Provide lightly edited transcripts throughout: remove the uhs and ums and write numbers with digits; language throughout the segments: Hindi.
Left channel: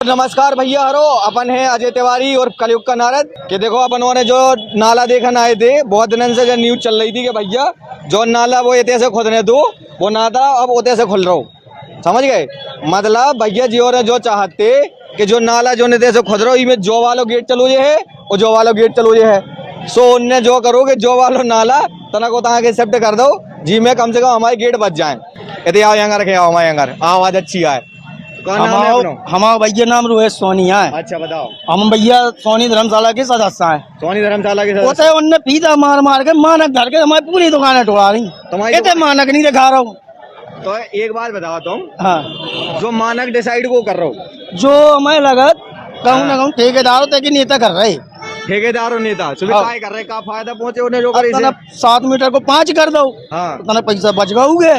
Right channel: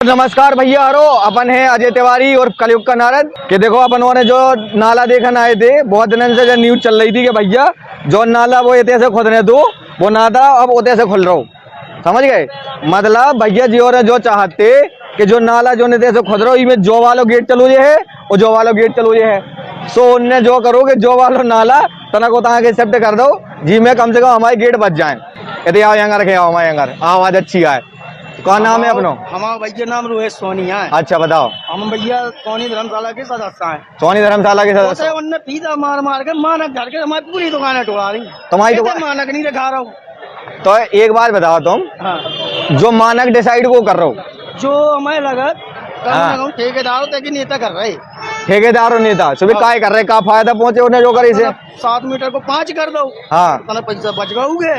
नमस्कार भैया हरो, अपन है अजय तिवारी और कलयुग का नारद। कि देखो अपनों ने जो नाला देखने आए थे, बहुत दिन से जो न्यूज चल रही थी कि भैया जो नाला वो इतने से खोदने दो, वो ना था अब उतने से खुल रहा हो, समझ गए। मतलब भैया जी और जो चाहते कि जो नाला जो निते से खोद रहा हो, इसमें जो वालों गेट चलो ये है और जो वालों गेट चलो ये है। सो उनने जो करो कि जो वालों नाला तना को तहाँ के एक्सेप्ट कर दो जी, में कम से कम हमारे गेट बच जाए। यदि आओ यहाँ रखे, आओ हमारे यहाँ आवाज अच्छी आए। कौन नाम है अपना? हमारा भैया नाम रोहित सोनी है। अच्छा बताओ। हम भैया सोनी धर्मशाला के सदस्य हैं। सोनी धर्मशाला के सदस्य है उनने पीता मार मार के मानक घर के हमारी पूरी दुकानें टुका रही। तुम्हारी मानक नहीं दिखा रहा हूँ। तो एक बात बताओ तुम, हाँ, जो मानक डिसाइड वो कर रहे हो, जो हमें लगा कम न कम ठेकेदारों तक नेता कर रहे, ठेकेदार और नेता सुबह हाँ। काय कर रहे, का फायदा पहुंचे उन्हें जो करे इसे 7 मीटर को 5 कर दो। हाँ, तना पैसा बच गए।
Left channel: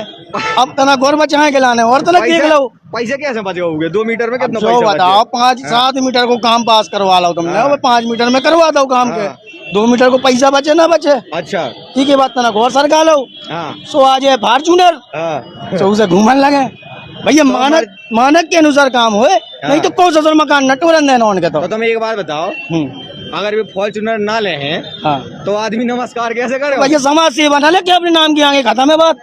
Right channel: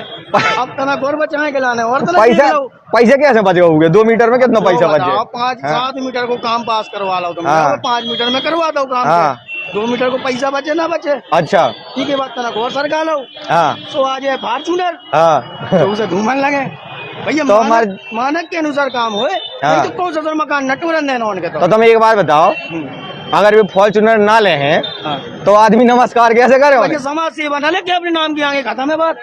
अब तना गोर बचाए के लाने और तना देख लो पैसे कैसे बच गए? 2 मीटर में कितना पैसा बच गया? 5-7 मीटर को काम पास करवा लो तुम। 5 मीटर में करवा दो काम। 2 मीटर को पैसा बचे ना बचे, अच्छा ठीक है बात। तना घोर सरका लो। सो आज है फॉर्चूनर, तो उसे घूमने लगे भैया। मानक के अनुसार काम हुए, नहीं तो कौन सा मकान न टूरन देना उनके। तो तुम एक बात बताओ, अगर वे फॉर्चूनर ना ले हैं तो आदमी नमस्कार कैसे करे? भैया समाज सेवा ना लेके अपने नाम की आगे खत्म है बात।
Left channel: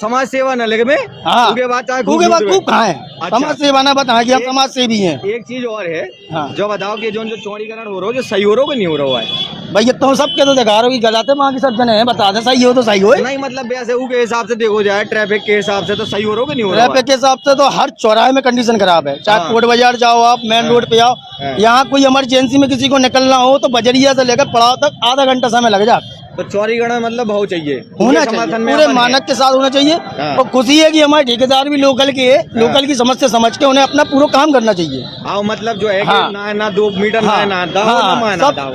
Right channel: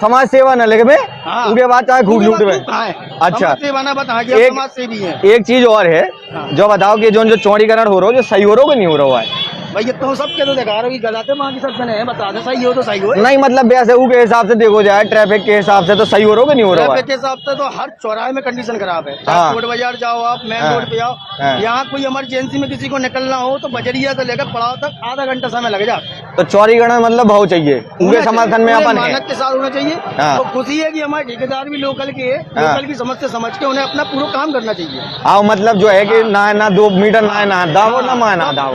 समाज सेवा न लेके उनके बात खूब कहाँ है? अच्छा समाज सेवा ना बताए कि समाज सेवी है। एक चीज और है, जो बताओ कि जो चौड़ीकरण हो रहा हो, जो सही हो रहा हो कि नहीं हो रहा है? भैया तुम सबके तो दिखा रहे हो कि गलत है, वहाँ की सब जने हैं, बता दे सही हो तो सही हो। नहीं मतलब वैसे के हिसाब से देखो जाए, ट्रैफिक के हिसाब से तो सही हो रहा हो कि नहीं हो रहा? ट्रैफिक के हिसाब से तो हर चौराहे में कंडीशन खराब है। चाहे कोट बाजार जाओ, आप मेन रोड पे आओ, यहाँ कोई इमरजेंसी में किसी को निकलना हो तो बजरिया से लेकर पड़ाव तक आधा घंटा समय लग जाता। तो चौड़ीकरण मतलब भाव चाहिए, समर्थन में मानक के साथ होना चाहिए। तो खुशी है कि हमारे ठेकेदार भी लोकल के है, लोकल की समस्या समझ के उन्हें अपना पूरा काम करना चाहिए। मतलब जो है कि ना 2 मीटर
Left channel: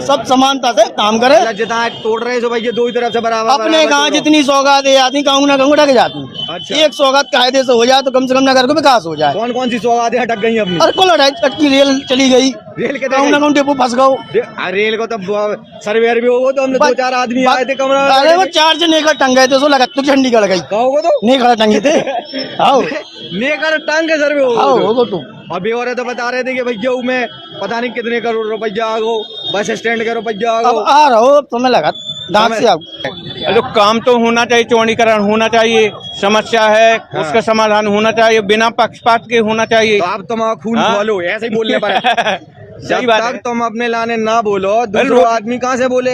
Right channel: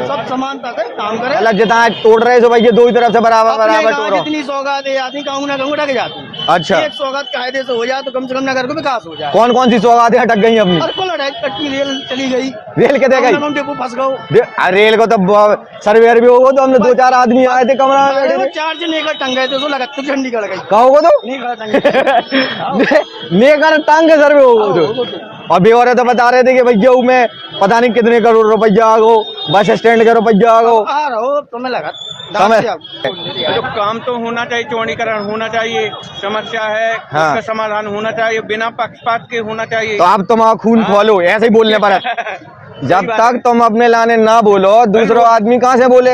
सब समानता से काम करे। जितना तोड़ रहे सो भैया 2 तरफ से बराबर अपने कहा जितनी सौगात है आदमी कहूँ ना कहूँ ढक जाती है। अच्छा, एक सौगात कायदे से हो जाए तो कम से कम नगर को विकास हो जाए। कौन कौन सी सौगातें अटक गई अपनी? रेल चली गई, रेल के डेपो फंस गए। रेल को तो सर्वेयर भी होगा, तो हम 2-4 आदमी आए थे कमरा। अरे वो 4 जन नेकर टंग गए थे, सो लगा तो झंडी गड़ गई। कहाँ होगा? तो नेकर टंगे थे। नेकर टांग के सर्वे होगा। और बेवरे तो बता रहे थे कि भैया मैं पता नहीं कितने करोड़ रुपया आ गो, बस स्टैंड का रुपया आ गो। आ रहा हो तुम्हें लगा तो काम तो होना चाहिए, चौड़ीकरण होना चाहिए, समस्या है उसका समाधान होना चाहिए, बिना पक्षपात के होना चाहिए। तो आप तुम खून खोलो, ऐसे ही बोलने पर है। जब तक तुम अपने लाने ना बोलो, दूसरों आदमी कहाँ से बोले?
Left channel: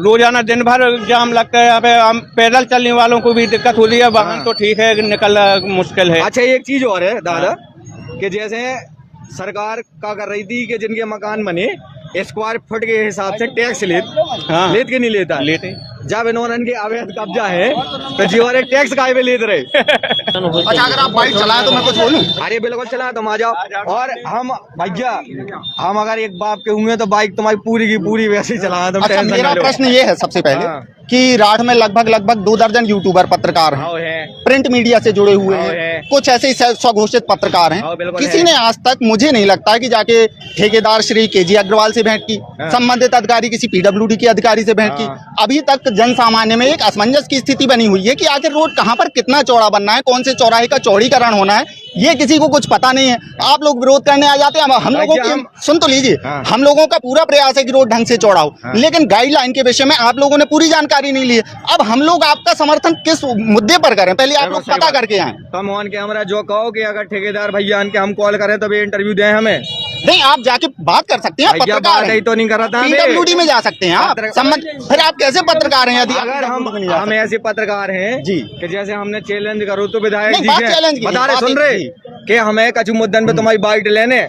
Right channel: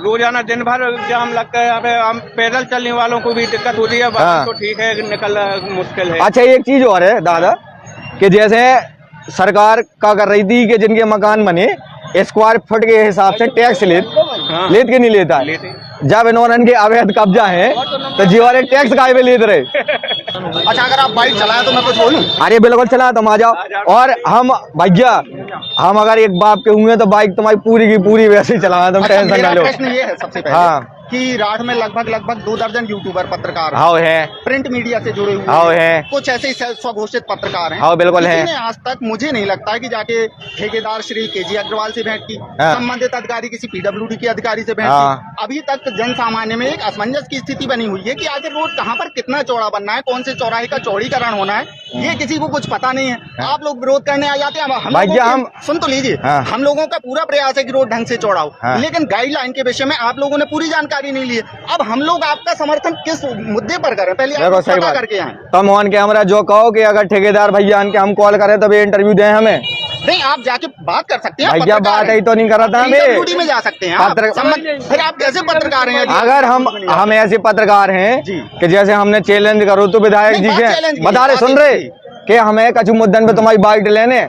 रोजाना दिन भर जाम लगता है यहाँ पे। हम पैदल चलने वालों को भी दिक्कत होती है, वाहन तो ठीक है, निकलना मुश्किल है। अच्छा एक चीज और है दादा, कि जैसे सरकार का कर रही थी कि जिनके मकान बने स्क्वायर फुट के हिसाब से टैक्स लेत के नहीं लेता। जब इन्होंने के अवैध कब्जा है तो जीवारे टैक्स काय पे लेते रहे। अच्छा, अगर आप बाइक चलाएं तो मैं कुछ बोलूं? अरे बिल्कुल चला, तुम आ जाओ। और हम भैया हम अगर एक बाप के हुए तो बाइक तुम्हारी पूरी की पूरी वैसे ही चलाना, तुम टेंशन ना लो। प्रश्न ये है सबसे पहले कि राठ में लगभग 2 दर्जन यूट्यूबर पत्रकार हैं, प्रिंट मीडिया से जुड़े हुए हैं, कुछ ऐसे स्वघोषित पत्रकार हैं। किसी ने आज तक मुझे नहीं लगता कि जाके ठेकेदार श्री केजी अग्रवाल से भेंट की, संबंधित अधिकारी किसी पीडब्ल्यूडी के अधिकारी से भेंट की। अभी तक जन सामान्य में एक असमंजस की स्थिति बनी हुई है कि आखिर रोड कहाँ पर कितना चौड़ा बनना है, कौन से चौराहे का चौड़ीकरण होना है, ये किसी को कुछ पता नहीं है। आप लोग विरोध करने आ जाते हैं। हम सुन तो लीजिए, हम लोगों का पूरा प्रयास है कि रोड ढंग से चौड़ा हो, लेकिन गाइडलाइन के विषय में आप लोगों ने पूरी जानकारी नहीं ली है। अब हम लोग आपका समर्थन किस मुद्दे पर करें, पहले आप लोग पता करके आए। तुम ऑन कैमरा जो कहो कि अगर ठेकेदार भैया के हम कॉल करें तब इंटरव्यू दें हमें, नहीं आप जाके बात कर सकते हैं। भैया बात ही तो नहीं कर रहा था, में जा सकते हैं। फिर आप कैसे पत्रकार हैं? अगर हम ऐसे पत्रकार हैं कि जैसे हमने चैलेंज करो तो विधायक जी से बता रहे, सुन रहे कि हमें कछु मुद्दन पे तुम्हारी बाइट लेने,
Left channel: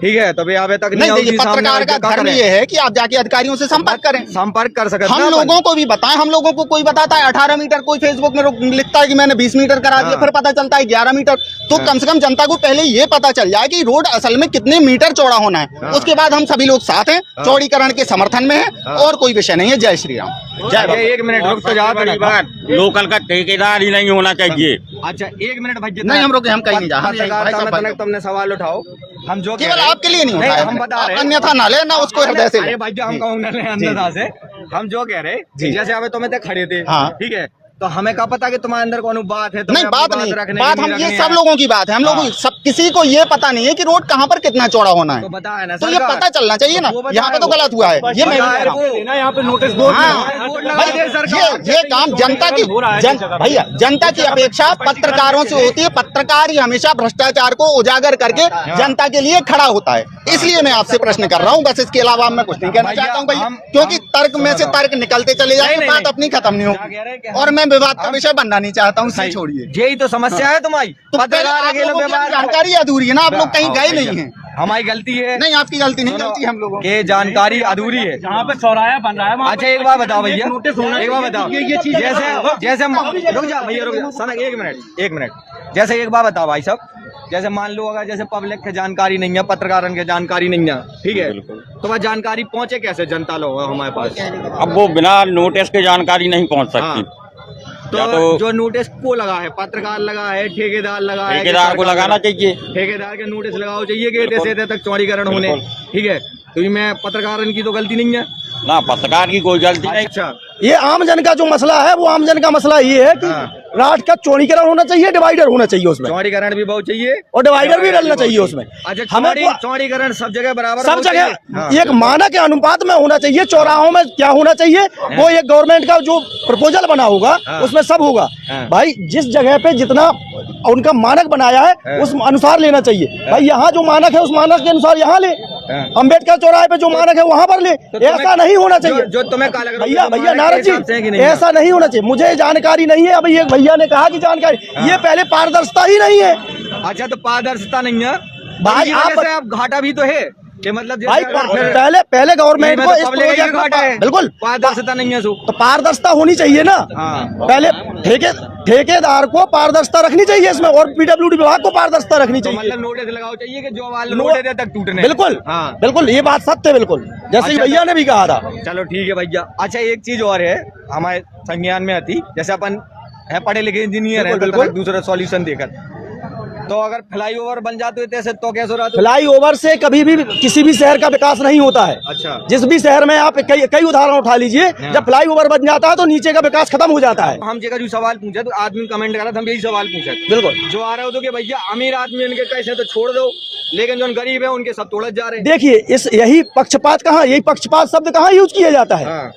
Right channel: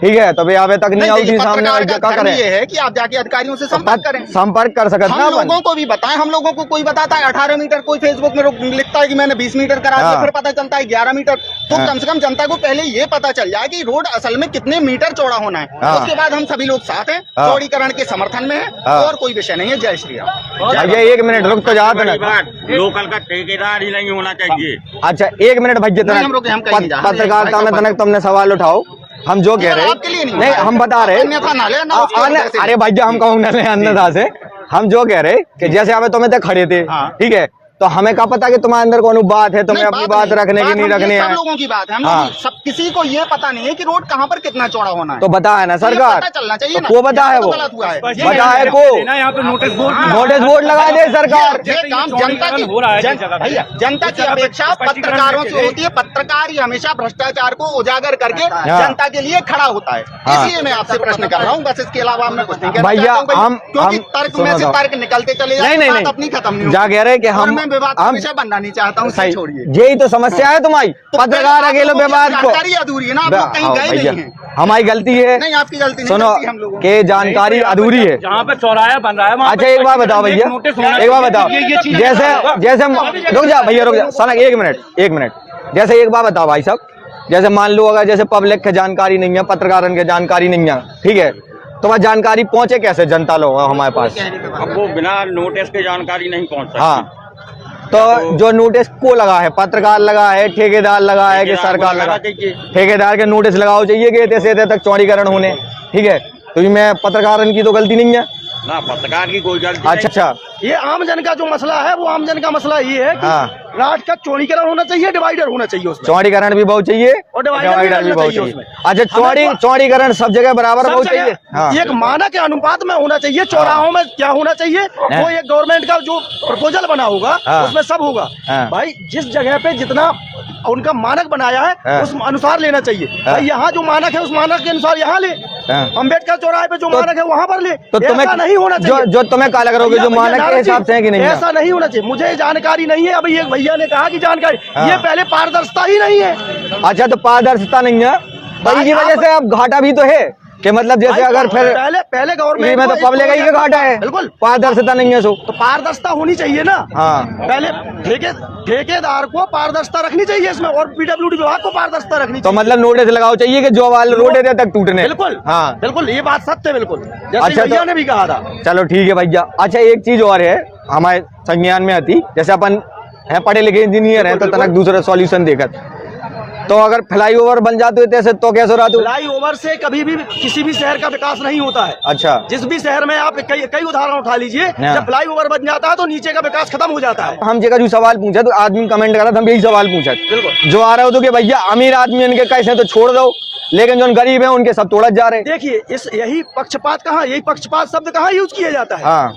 ठीक है, तभी आवे तक नहीं आओगी सामने। क्या करें? ये है कि आप जाके अधिकारियों से संपर्क करें, संपर्क कर सकते हैं। हम लोगों को भी बताएं। हम लोगों को कोई बताता है 18 मीटर, कोई फेसबुक में लिखता है कि मैंने 20 मीटर करा दिया, फिर पता चलता है 11 मीटर। तो कम से कम जनता को पहले ये पता चल जाए कि रोड असल में कितने मीटर चौड़ा होना है। उसके बाद हम सभी लोग साथ हैं, चौड़ीकरण के समर्थन में है और कोई विषय नहीं है। जय श्री राम। 1 मिनट रुक तो जाते ना, लोकल का ठेकेदार ही नहीं होना चाहिए। अच्छा 1 मिनट भैया, पत्रकारिता में तनक तुमने सवाल उठाओ, हम जो कह रहे हैं नहीं, हम बता रहे हैं। अरे भैया हम कहूँ अन्यथा से, हम जो कह रहे कि जैसे हमें तुम्हें तक खड़े थे, ठीक है, तो हमें क्या पता कि तुम्हारे अंदर कौन बात है, तुम्हें अपनी बात रखने की नहीं रखनी है। सब लोगों की बात है, हम लोग सब किसी को ये पता नहीं है कि रोड कहाँ पर कितना चौड़ा होना है। तो बताया ना सरकार, पता चलना चाहिए ना, वो बताया, तो गलत हुआ है ये को यहाँ पे नोटिस बोर्ड लगा दे सरकार। ये काम जनता की भैया जनता की अपेक्षा पत्रकारों से होती है। पत्रकार ही हमेशा भ्रष्टाचार को उजागर करके जनता के लिए खड़ा होता है, इसलिए मैं आपसे प्रश्न कर रहा हूँ। बस इसके अलावा मैं कुछ नहीं कहना चाहता हूँ, क्योंकि तर्क में से तर्क निकलते चले जाए, बात अपनी खत्म नहीं होगी और मैं विवाद का विषय बनना नहीं चाहता हूँ। सही छोड़िए, यही तो समस्या है तुम्हारी, पत्रकार अकेले विवाद को। जानकारी अधूरी है ना, आप लोग कहीं गए नहीं हैं। हमारी गलती है नहीं, आपकी गलती नहीं, सुनो गलती हम लोगों कि जानकारी अधूरी है। जहाँ पे चौराहा बन रहा है। अच्छा एक बात बताओ भैया, एक बात बताओ, जैसे रुक जा भैया, रुक जा सनक, एक मिनट। जैसे एक बात बताओ भाई साहब, जैसे मान लो अगर जैसे पब्लिक के जानकारी नहीं है, पत्रकारों के जानकारी नहीं है, ठीक है, तो वह जानकारी पहुंचे कैसे जनता लोग हमारे पास? अब वो बिना नोटिस के जानकारी नहीं पहुंच सकती। हाँ, तो जो नोटिस को लगा है, पत्रकार लगा है, ठेकेदार लगा है कि सरकार लगाना चाहिए? ठेकेदार के नोटिस लगाओ चाहिए कि ऐसे तक चौड़ीकरण होने, ठीक है, तो इसमें पत्रकार की तो गलती नहीं है ना, पत्रकार की कोई गलती नहीं। अच्छा, ये आम जन का जो मसला है, वो आम जन का मसला ये है कि रात का चौड़ीकरण होना चाहिए, डिवाइडर होना चाहिए उसमें, चौड़ीकरण भी बहुत चाहिए और डिवाइडर भी डलना चाहिए उसमें। अच्छा, चौड़ीकरण सब जगह बराबर सब होना जगह चाहिए, एक मानक के अनुपात में होना चाहिए। चौराहों में क्या होना चाहिए, वो एक गवर्नमेंट का जो प्रपोजल बना होगा उसमें सब होगा। भाई जिस जगह पे जितना उनका मानक बनाया है उस अनुसार लेना चाहिए। भाई यहाँ जो मानक है उस मानक के अनुसार यहाँ ले, अम्बेडकर चौराहे पे जो मानक है वहाँ पर ले। तो ऐसा नहीं होना चाहिए जो तुम्हें काला करोगे, जो मानक के हिसाब से है कि नहीं, ऐसा नहीं होना चाहिए। मुझे जानकारी नहीं है, अभी एक भैया ने कहा कि जानकारी, ये पहले पारदर्शिता ही नहीं है। अच्छा, तो पारदर्शिता नहीं है, भाई की वजह से अब घाटा भी तो है कि मतलब जैसे अगर फिर पहले गवर्नमेंट में तो पब्लिक का घाटा है, बिल्कुल पारदर्शिता नहीं है, तो पारदर्शिता होनी चाहिए ना। हाँ, पहले ठेकेदार को पारदर्शिता रखनी चाहिए इसमें, और पीडब्ल्यूडी विभाग को पारदर्शिता रखनी तो चाहिए। मतलब नोटिस लगाओ चाहिए कि जो वाले रोड एरिया तक टूटने। बिल्कुल, हाँ बिल्कुल, ये बात सत्य है, बिल्कुल जैसे अच्छा, भैया ने भी कहा था। चलो ठीक है भैया। अच्छा एक चीज और है हमारे संज्ञान में आती, जैसे अपन है पढ़े लिखे इंजीनियर है, तो तनक दूसरा सॉल्यूशन देखत, तो अगर फ्लाईओवर बन जाते हैं तो कैसे रहा? फ्लाईओवर से कभी भी किसी भी शहर का विकास नहीं होता है। अच्छा, जिस भी शहर में आप कई उदाहरण उठा लीजिए, जब फ्लाईओवर बन जाता है तो नीचे का विकास खत्म हो जाता है। हम जगह जो सवाल पूछा तो आदमी कमेंट करा था, हम यही सवाल पूछा बिल्कुल जो आ रहा हो तो कि भैया अमीर आदमी इनके कैसे तो छोड़ दो, लेकिन जो गरीब है उनके सब तोड़ा जा रहे हैं। देखिए इस यही पक्षपात कहाँ, यही पक्षपात शब्द कहाँ यूज किया जाता है? हाँ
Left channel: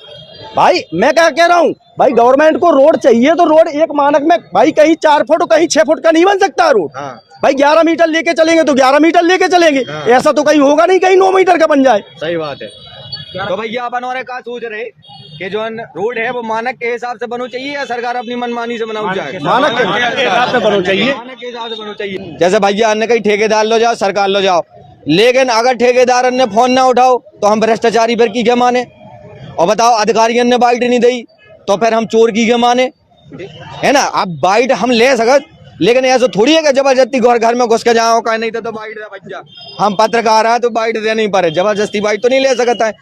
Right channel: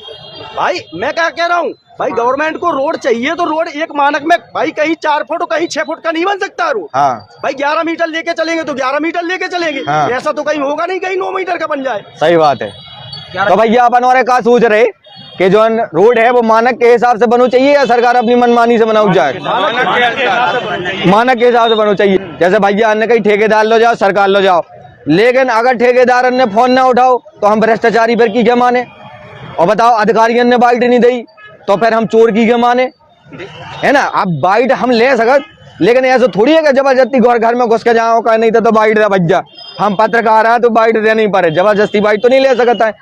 भाई मैं क्या कह रहा हूँ, भाई गवर्नमेंट को रोड चाहिए तो रोड एक मानक में, भाई कहीं 4 फुट कहीं 6 फुट का नहीं बन सकता रोड। हाँ, भाई 11 मीटर लेके चलेंगे तो 11 मीटर लेके चलेंगे। हाँ। ऐसा तो कहीं होगा नहीं कहीं 9 मीटर का बन जाए। सही बात है। तो भैया अपन और क्या सोच रहे कि जो रोड है वो मानक के हिसाब से बनना चाहिए या सरकार अपनी मनमानी से बनाऊ जाए? मानक के हिसाब से बनना चाहिए, मानक के हिसाब से बनना चाहिए। जैसे भैया अन्य कहीं ठेकेदार लो जाओ, सरकार लो जाओ, लेकिन अगर ठेकेदार ने फोन ना उठाओ तो हम भ्रष्टाचारी फिर की क्या माने? और बताओ अधिकारियों ने बाइट नहीं दी तो फिर हम चोर की क्या माने? है ना, अब बाइट हम ले सकत, लेकिन ऐसा थोड़ी है कि जबरदस्ती घर में घुस के जाओ का नहीं तो बाइट दे भैया, हम पत्रकार हैं तो बाइट देनी पड़े, जबरदस्ती बाइट तो नहीं ले सकता है।